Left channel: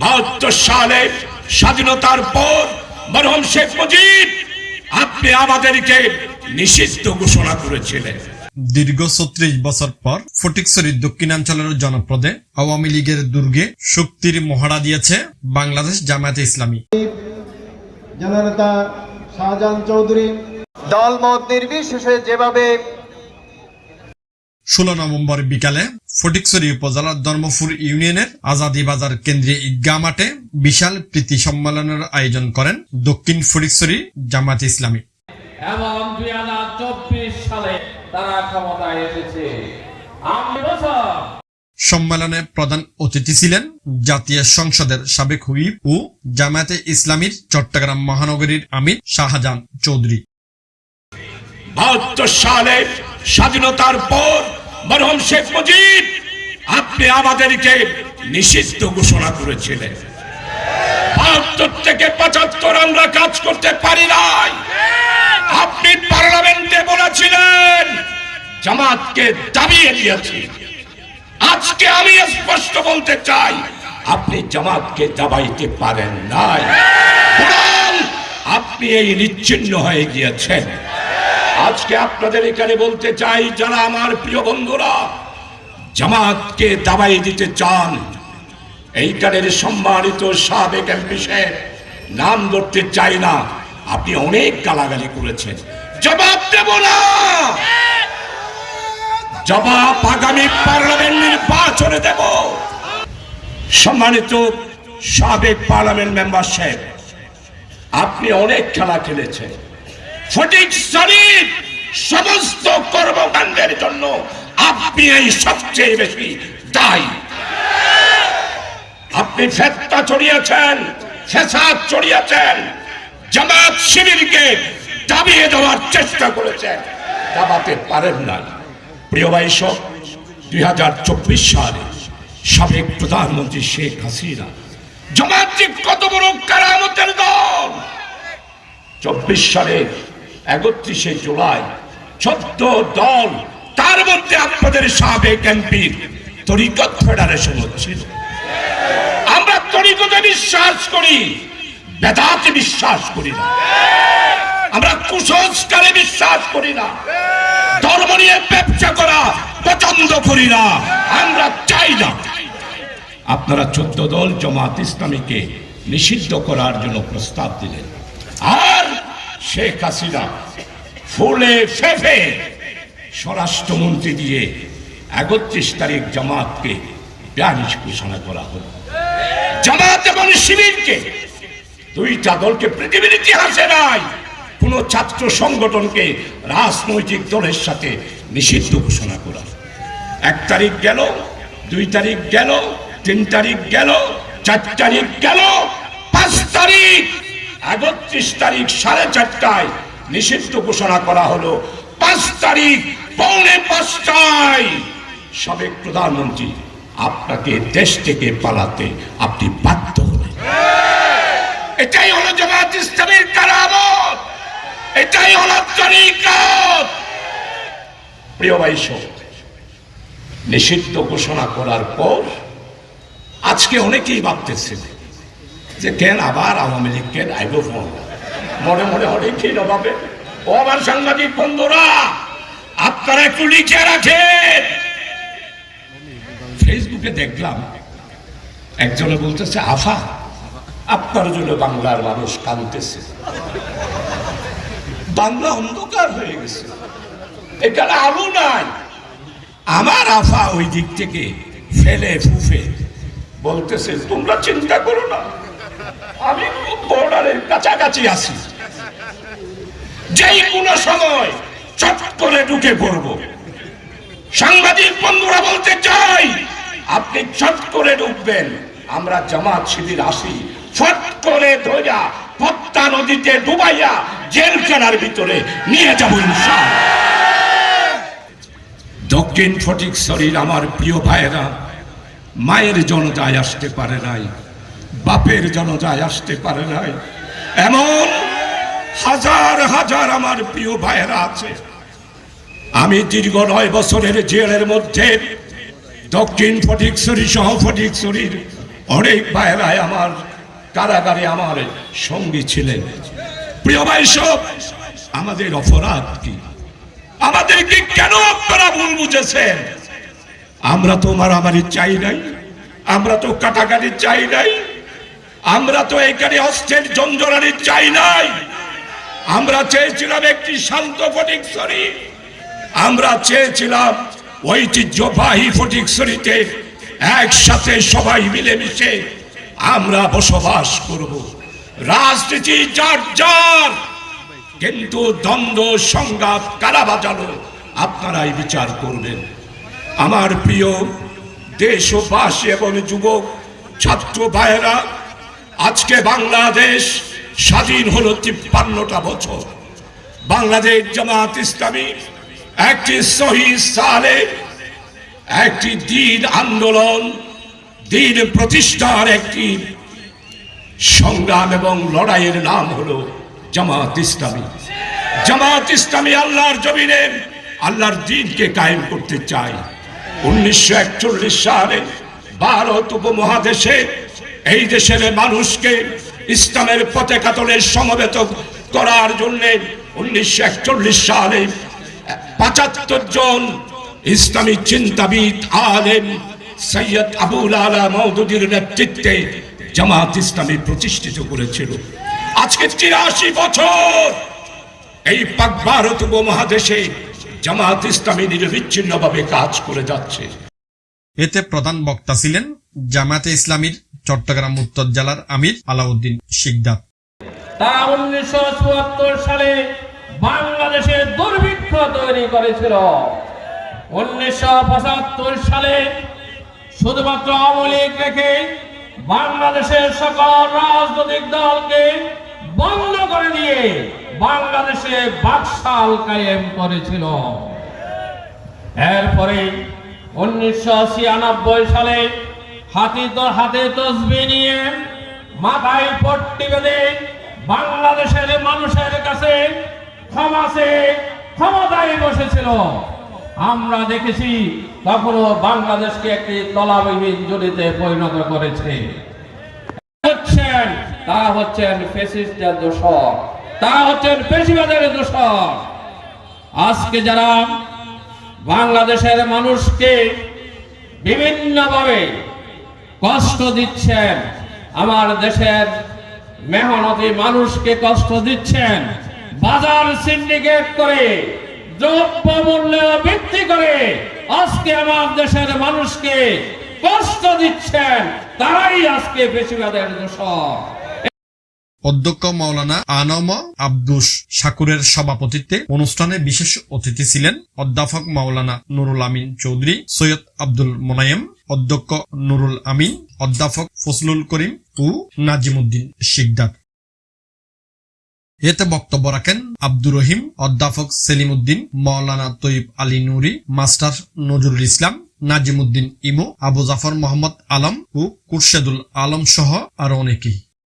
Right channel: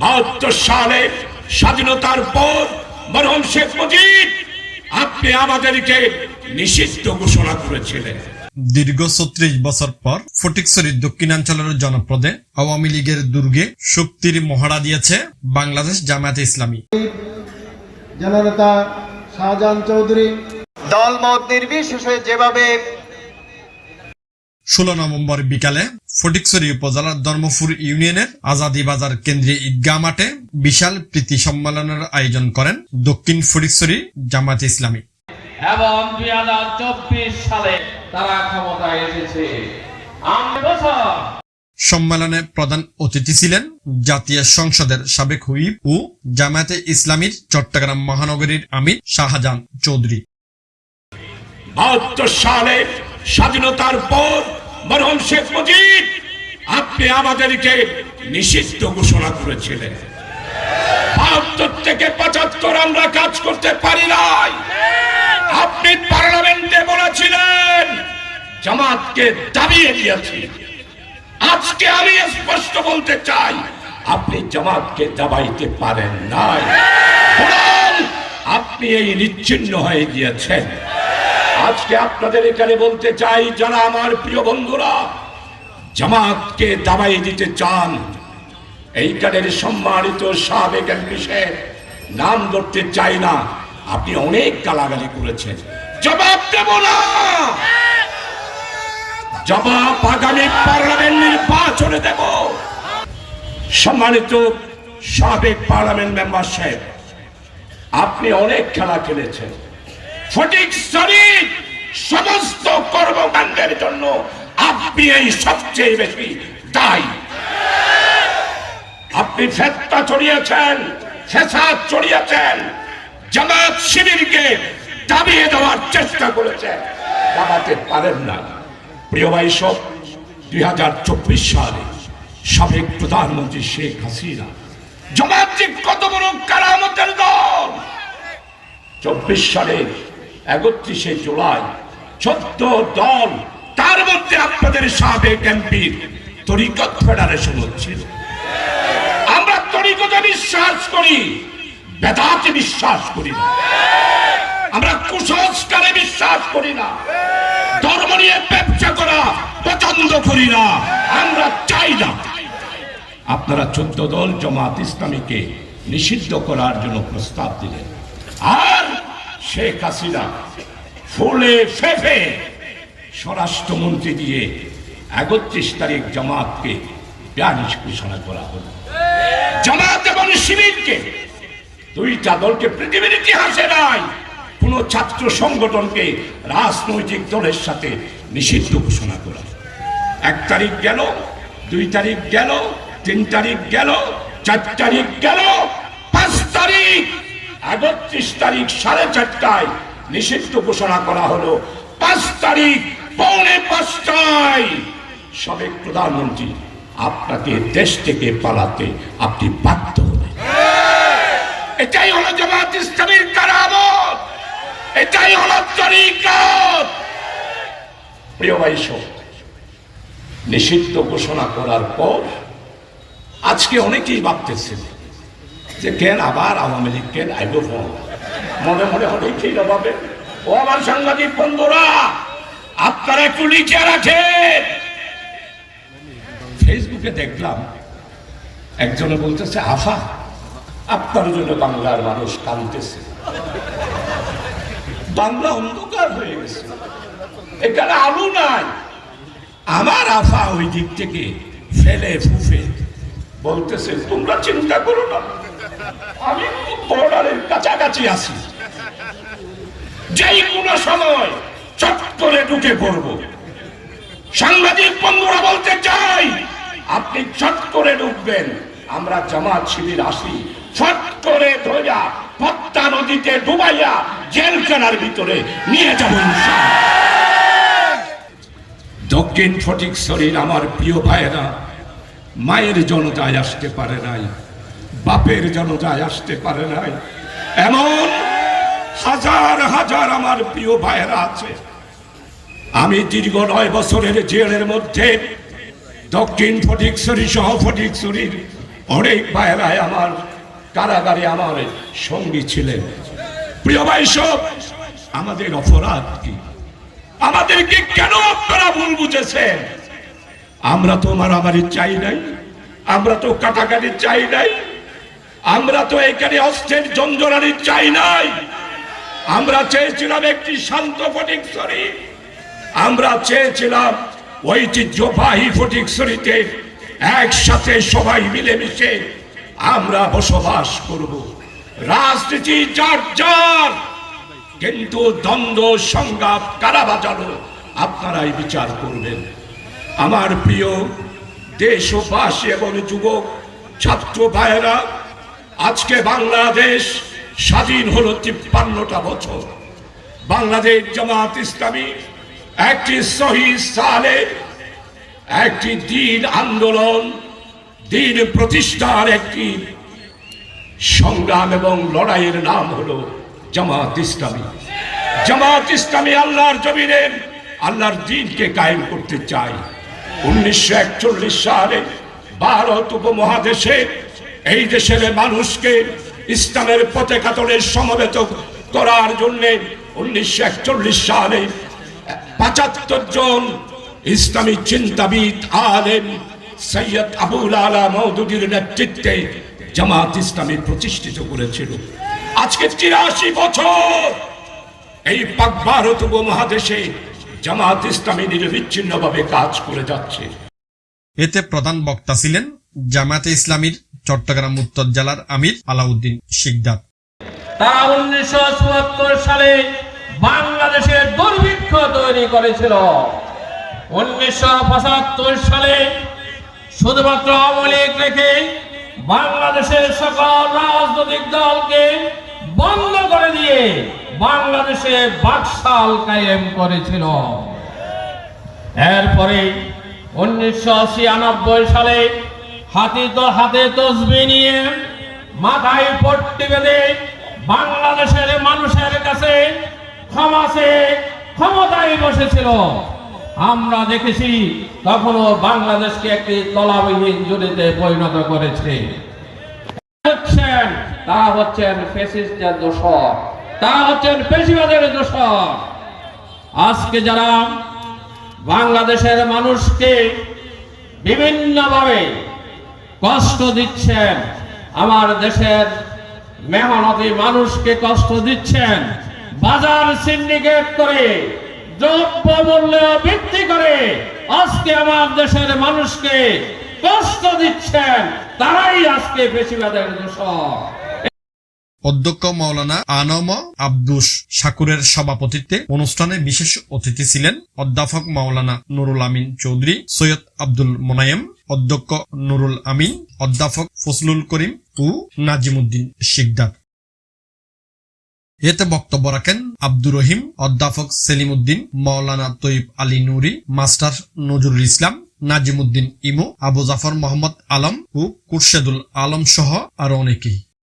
বাহাত্তর সালে স্বাধীনতার পর মরহম শেখ মুজিব আপনি আমাদেরকে নিষিদ্ধ ঘোষণা করেছিলেন। দীর্ঘ ছত্রিশ বছর পর ফটিকছড়ি দক্ষিণাঞ্চলের জনপদে আওয়ামী লীগের দুর্গে শক্তির মহড়া দিয়েছে বাংলাদেশ জামায়াতে ইসলামী। জননেতা শাহজাহান চৌধুরী। দলমত নির্বিশেষে যেভাবে ষোলো নভেম্বর বিকালে ফটিকছড়ি উপজেলার ধর্মপুর ইউনিয়নের আজাদি বাজার কেন্দ্রীয় ঈদগাহ মাঠে বিশাল প্রীতি সম্মেলনের আয়োজন করেন দক্ষিণ ফটিকছড়ি জামায়াতে ইসলামী। এবং দুই হাজার চব্বিশ সালে তারা ক্ষমতায় এসেছে। সম্মেলনে প্রধান অতিথি ছিলেন জাতীয় সংসদের সাবেক হুইপ ও জামায়াতে ইসলামীর চট্টগ্রাম মহানগরীর আমির শাহজাহান চৌধুরী। বাহাত্তর সালে স্বাধীনতার পর মরহম শেখ মুজিব আপনি আমাদেরকে নিষিদ্ধ ঘোষণা করেছিলেন। থেকে পঁচাত্তর আমরা কাজ করতে পারি নাই। আপনি পার্লামেন্টে বলেছিলেন, জামাতকে দাবিয়ে দিয়েছি। আজকে আমি স্পষ্ট বলতে চাই, আপনি জামাতকে দাবাইতে পারেন নাই। আপনি এই নিচ্ছিন্ন হয়ে গিয়েছেন। আজকে আপনাদের এখানে বলতে চাই, যারা আমার প্রিয় বন্ধুরা, জামাতকে দাবাই দিতে চান, এইখানের সম্মানিত সাবেক এমপি নাম ধরতে চাই না, আপনি অনেক গালাগালি করেছেন। জবাব দেব না! জবাব আগামী পার্লামেন্ট নির্বাচনে দেব। সম্মানিত সাবেক পার্লামেন্ট মেম্বার সাহেব, আপনি অনেক খেলা খেলেছেন। সঠিক শরীর সমস্ত কর্মকাণ্ডের জন্য আপনি এই সবচেয়ে বেশি দায়ী। আপনি ফেতনা ছড়িয়েছেন ফেসাদ ছড়িয়েছেন জামাত শিবিরকে দাবিয়ে দেওয়ার চেষ্টা করেছেন। দাবাতে পারেন না। প্রিয় ভাই সব, দুই হাজার চব্বিশ সালে সাবেক প্রধানমন্ত্রী শেখ হাসিনা, জামাত কত বড় কারামতের দল, চব্বিশ সালের একত্রিশে জুলাই চোদ্দ দল, তার মধ্যে আপনাদের সাবেক এমপির তরিকত ফেডারেশন হচ্ছিল। আমরা তরিকতে বিশ্বাস করি, বেদাতে বিশ্বাস করি না। আমরা কুসংস্কারে বিশ্বাস করি না। ধর্ম নিয়ে ব্যবসা করা পছন্দ করি না। আমরা চাই না। আপনারা চোদ্দ দল জামাত ইসলামীকে নিষিদ্ধ করার জন্য প্রস্তাব দিলেন। শেখ হাসিনা ফুলে ফেফে স্বরাষ্ট্রমন্ত্রী দিয়ে একত্রিশ তারিখ জামাতকে ব্যানিশ ঘোষণা করা হল। জামাত এবং শিবিরকে দুইটা দলকে পৃথিবীর ইতিহাসে নাই, কোন ছাত্র সংগঠনকে রাজনৈতিক দলের সাথে নিষিদ্ধ ঘোষণা করা এক তারিখ গেল, দুই তারিখ গেল, তিন তারিখ গেল, চার তারিখ গেল, পাঁচ তারিখ একত্রিশ তারিখ সাড়ে চারটায় নিষিদ্ধ ঘোষণা করা হলো। পাঁচ তারিখ পৌনে পাঁচটায়। সাবেক প্রধানমন্ত্রী আপনাকে দেশ থেকে পালাতে আপনি বাধ্য হলেন। এটাই হলো জামাত ইসলামের কারামত। এটাই হলো তরিকত। প্রিয় ভাই নিষিদ্ধ ঘোষণা করার পর আজকে অনেকেই ভাবতেছেন যে কেন আবার আওয়ামী লীগ কেন আইব মনে মনে অনেক ঠিক ভাবে ও আমার সাংবাদিক বন্ধুরা, আপনারা একটু লিখে রাখেন। ফেসবুকে দেখলাম একজনে বলতেছে, আফা, আপনার জন্য বাংলার মানুষ কাঁদতেছে। বাংলা অন্ধকার হয়ে গেছে। এখানে আলু নাই। আমার আফা ওই দিক থেকে ফেলে ফুফে বলতেছে, তোমরা চিন্তা করো না। আমি বর্ডারের কাছাকাছি আছি। যেই কোনো সময় চট করে ঢুকে পড়ব। সাংবাদিক বন্ধুরা বলতে চাই, আপনি চট করে ঢুকবেন। আমরা জামাত শিবির আসি। ফট করে ধরা পদ্মা নদীতে ডুবাইয়া জেলখানার ভিতরে নিয়ে যাব দক্ষিণ ফটিক শরীর আমার প্রিয় ভাইয়েরা, মায়ের জনতায় আসতে পারে নাই। বাপের জনতায় আসতে পারে নাই। এমন হাজার হাজার আমার প্রিয় ভাইয়েরা আছে। আমি দীর্ঘ নয় বছরের জেলের মধ্যে দক্ষিণ ফটিকছড়ি সহ ফটিকছড়ির অনেক ভাইরাই আমার কারাগারে আমার সঙ্গী ছিলেন। প্রিয় ভাই সব, আমাদের অপরাধ কি? আমাদেরকে কেন আপনারা ভুল বুঝেছেন? আমরা তো মারামারি চাই নাই, আমরা তো কাটাকাটি চাই নাই আমরা তো এখানে অস্ত্রের জঞ্জরানি চাই নাই। আমরা চেয়েছিলাম একটি শান্ত ফটিকছড়ি আমরা চেয়েছিলাম ঐতিহ্যবাহী ফটিকছড়িতে একসাথে সবাই মিলেমিশে আমরা বসবাস করব। রাজনীতি যার যার, কিন্তু দ্বন্দ্ব, সংঘাত কারা বাজানো আপনারাই বিচার করবেন। আমার প্রিয় দেশবাসী এবং যুবক, ছাত্র ভাইয়েরা আজকে বাংলাদেশ স্বাধীন হলো তিপ্পান্নটা বছর। বাংলাদেশ জামাত ইসলামী একটি শহীদ একটি দিন আন্দোলন, দিন প্রতিষ্ঠার একটি সংগ্রাম এবং লড়াইয়ের নাম হলো জামাত ইসলামী। জামাত ইসলামী আল্লাহর জমিনে, আল্লাহর দিনকে কায়েম করতে চাই উনিশশো একচল্লিশ সালে ভারত উপমহাদেশে এই দেশের মানুষকে ইসলামের পতাকাতলে সমবেত করার জন্য উনিশশো একচল্লিশ সালে পঁচাত্তর জন ইসলামী চিন্তাবিদ আলেম সৈয়দ আবুল আলা মৌদুদির নেতৃত্বে জামাত ইসলামী প্রতিষ্ঠিত করেছিল। আজকে তিরাশি বছর এই পাক ভারত উপমহাদেশে জামাত ইসলামী নিরবিচ্ছিন্নভাবে কাজ করে যাচ্ছে। এতে প্রধান বক্তা ছিলেন জামায়াতে ইসলামীর চট্টগ্রাম উত্তর জেলার আমির আলাউদ্দিন শিকদার। উনিশশো সালে বাংলাদেশে দুর্ভিক্ষ তৈরি করেছিল। উনিশশো পঁচাত্তর সালে শুধুমাত্র আমলিক রেখে বাংলাদেশের সকল রাজনৈতিক দলকে বন্ধ করে দিয়ে বাংলাদেশে বাকশাল কায়েম করেছিল। এরপরে উনিশশো ছিয়ানব্বই সালে হাতে তো হাতে তসবি নিয়ে মাথায় পট্টি বেঁধে বাংলাদেশের মানুষের কাছে ক্ষমা চেয়ে ক্ষমতায় বসেছিল। আমরা দেখেছি তখনও বাংলাদেশকে একটি তলাবিহীন জড়িতে পরিণত করেছে। তা হচ্ছেন ফেসিস্টের দোষক তা হচ্ছেন পেশিবাদের দোষক আজকে যারা বাংলাদেশের মানুষকে বিভিন্নভাবে কষ্ট দিচ্ছেন। আমার দেশের মেহনতি মানুষকে কষ্ট দিচ্ছেন। বাজার সিন্ডিকেট করে, দ্রব্য মূল্য বৃদ্ধি করে, আজকে আমার দেশের মানুষকে কষ্ট দিচ্ছেন। তারাই আজকে অধ্যক্ষ মাওলানা আনম আব্দুস শাকুরের সভাপতিত্বে অনুষ্ঠানে বিশেষ অতিথি ছিলেন অধ্যাপক মাওলানা নুরুল আমিন চৌধুরী, সৈয়দ আব্দুল মোনায়েম অধ্যক্ষ নুরুল আমিন, অধ্যাপক ফজলুল করিম ও নাজিমুদ্দিন শিকদার। এতে বক্তব্য রাখেন আব্দুর রহিম, অধ্যাপক সেলিম উদ্দিন মৌলানা তৈব আলী নুরি, মাস্টার নজরুল ইসলাম, নাজিমুদ্দিন ইমু, আবু জাফর মোহাম্মদ আলম ও কুরশেদুল আলম সহ আরও অনেকেই।